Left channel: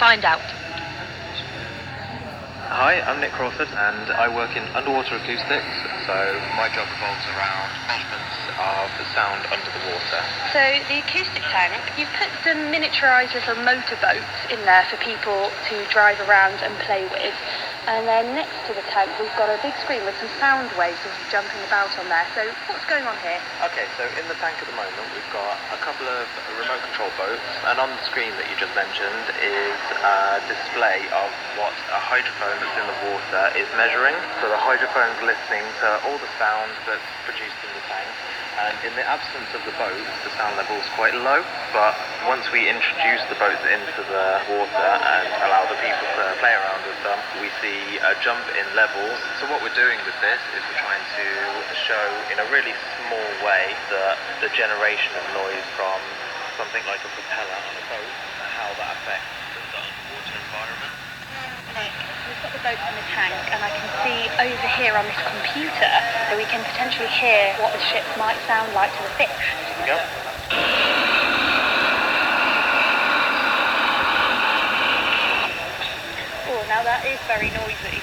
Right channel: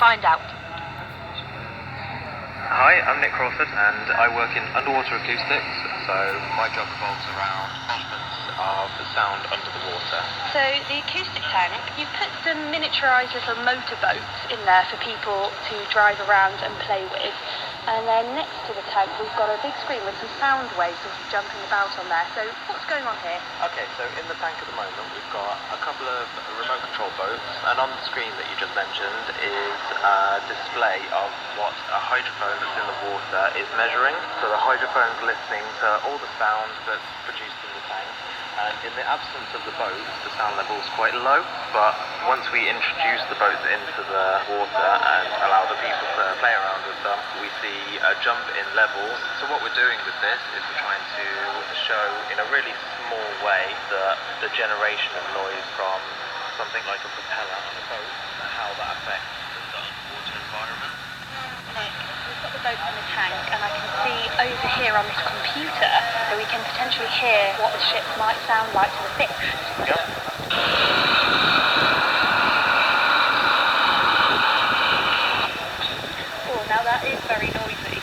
find out. Hi, I'm Nick Crawford and I work in underwater acoustics, so my job revolves around measurements of the sound under the water. So the acoustic tank, you've put some miniaturised little motorboats in there for people to drive around and play with. And then next to the tank we've got a big screen with some sound waves sort of jumping about on there. So what's going on here? Okay, so in the tank at the moment we've got a couple of remote control boats, and on the screen that you just mentioned is a display of what a hydrophone that's in the water is measuring. So the hydrophone's listening to all the sound that's produced in the tank, and in the absence of the boats the sound level is quite low, but once we introduce the boats into the water and allow the people to play around with them, we see a jump in levels. So what we're doing with this is we're trying to show in a really small way the generation of noise from something like a propeller on a boat, and how that affects the underwater environment. Nick, we've got the boats in the tank and I can see over here on this computer that we can potentially hear what the ships might sound like to the fish. Yep. Oh, now that is very noisy.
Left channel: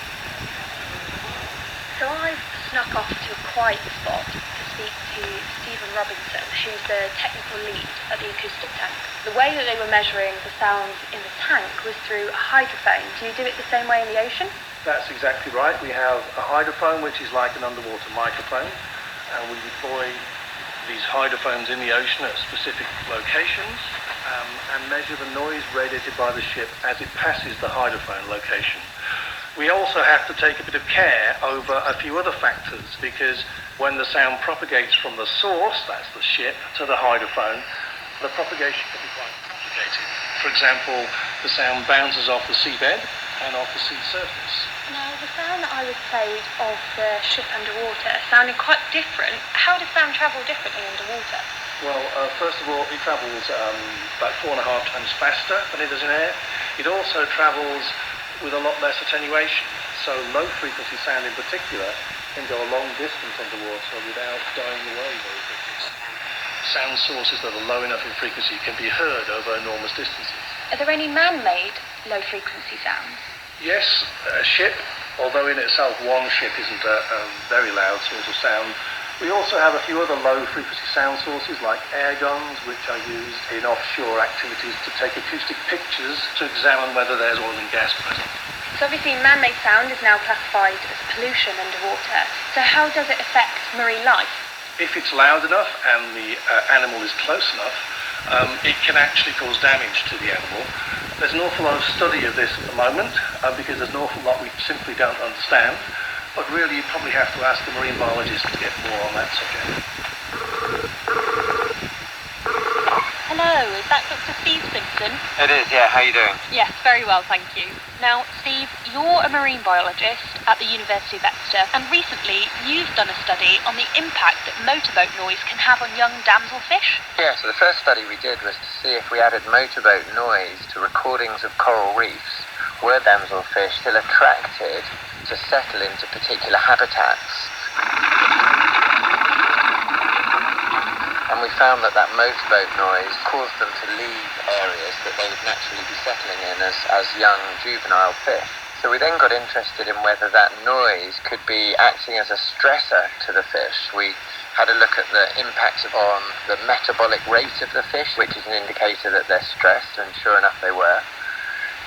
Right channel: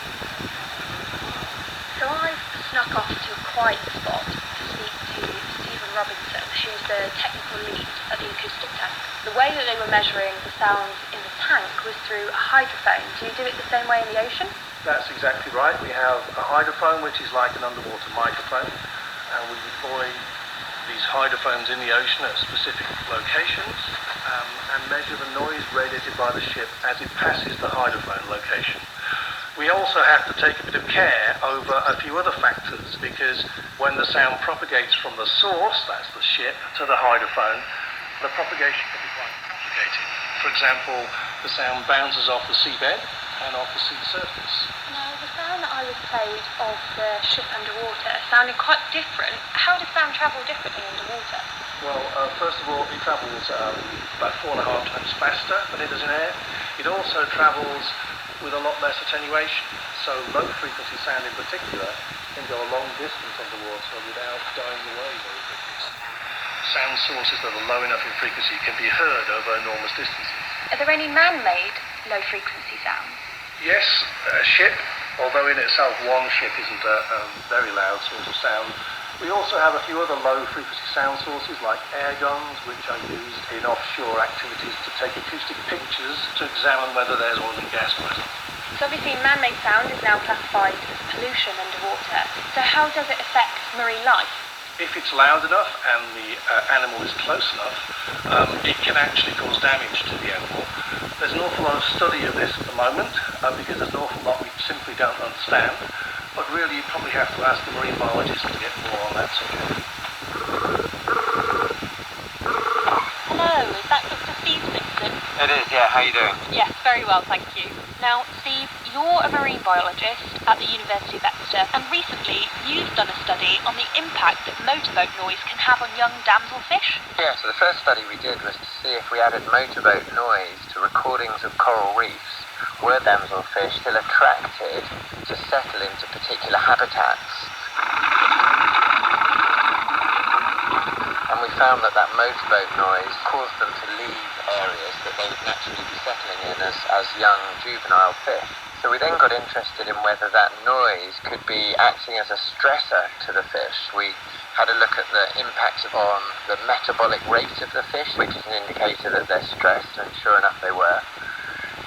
So I've snuck off to a quiet spot to speak to Stephen Robinson, who's the technical lead at the acoustic tank. The way that they were measuring the sound in the tank was through a hydrophone. Do you do it the same way in the ocean? That's exactly right. We have a hydrophone, which is like an underwater microphone, and we deploy these hydrophones in the ocean at specific locations and measure the noise radiated by the ship as it passes the hydrophone location. We also have to take a bit of care over a few other factors, because when the sound propagates from the source, that's the ship, to the hydrophone, the propagation can be quite complicated. For example, the sound bounces off the seabed and off the sea surface. Now, the sound that I was played of the ship underwater sounded quite different. How does sound travel differently underwater? Well, first of all, it travels about 4.5 times faster than it does in air. It also travels with a lot less attenuation. So low frequency sound in particular can go a long distance underwater without dying away very quickly. Sound sources that are low enough in frequency can be heard over enormous distances. Are there any man-made low-frequency sounds? Yes, a ship, although in itself one ship isn't a very loud source of sound. We also have a few other low-frequency sound sources like air guns, which are used in offshore activities to take acoustic pictures to examine whether there's oil and gas present. So obviously man-made sound is now classified as pollution underwater. So how does it affect marine life? If it's loud enough and the animal is close enough, it can actually cause damage to the animal. There's an awful lot of study of this at the moment because there's an awful lot we simply don't understand. But really, you probably have to ask the marine biologist to get more on that subject. Hello, is that Dr. Steve Simpson? It is, yeah. How are you doing? Yes, very well, thank you. Now, Steve, you're a marine biologist at the University of Exeter, and recently you've done a study on the impact that motorboat noise can have on young damselfish. Yeah, so the first study we did was to see if we added motorboat noise to recordings of coral reefs, were damselfish still attracted to settle into particular habitats. And we found that motorboat noise caused them to leave areas that they would naturally be settling in as young juvenile fish. So we then got interested in whether that noise could be acting as a stressor to the fish. We had a look at the impact on the metabolic rate of the fish, which is an indicator that they're stressed, and sure enough they were.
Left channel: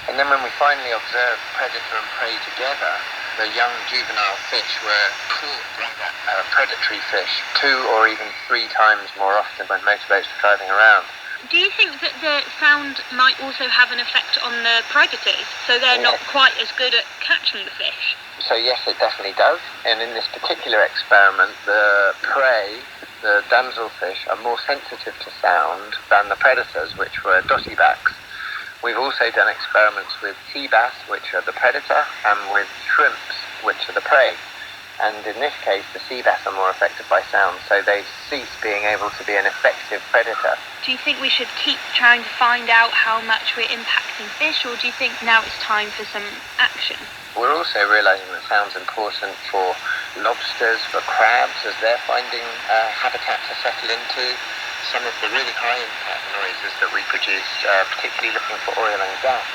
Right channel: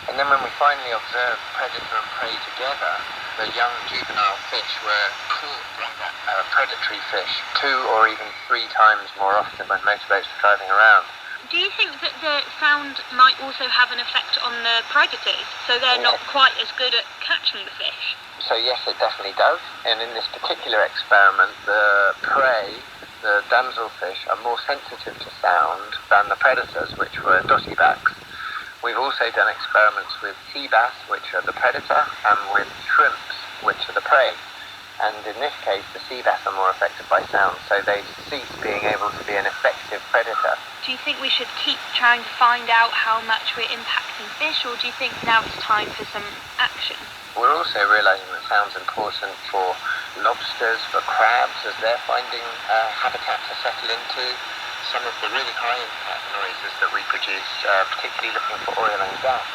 And then when we finally observed predator and prey together, the young juvenile fish were caught by predatory fish 2 or even 3 times more often when motorboats were driving around. Do you think that the sound might also have an effect on the predators, so they're not quite as good at catching the fish? So yes, it definitely does. And in this particular experiment, the prey, the damselfish, are more sensitive to sound than the predators, which were dossybacks. We've also done experiments with sea bass, which are the predator, and with shrimps, which are the prey. And in this case, the sea bass are more affected by sound, so they cease being able to be an effective predator. Do you think we should keep trying to find out how much we're impacting fish, or do you think now it's time for some action? We're also realising that sound's important for lobsters, for crabs, as they're finding habitats to settle into. Some of the really high impact noises that we produce, particularly looking for oil and gas.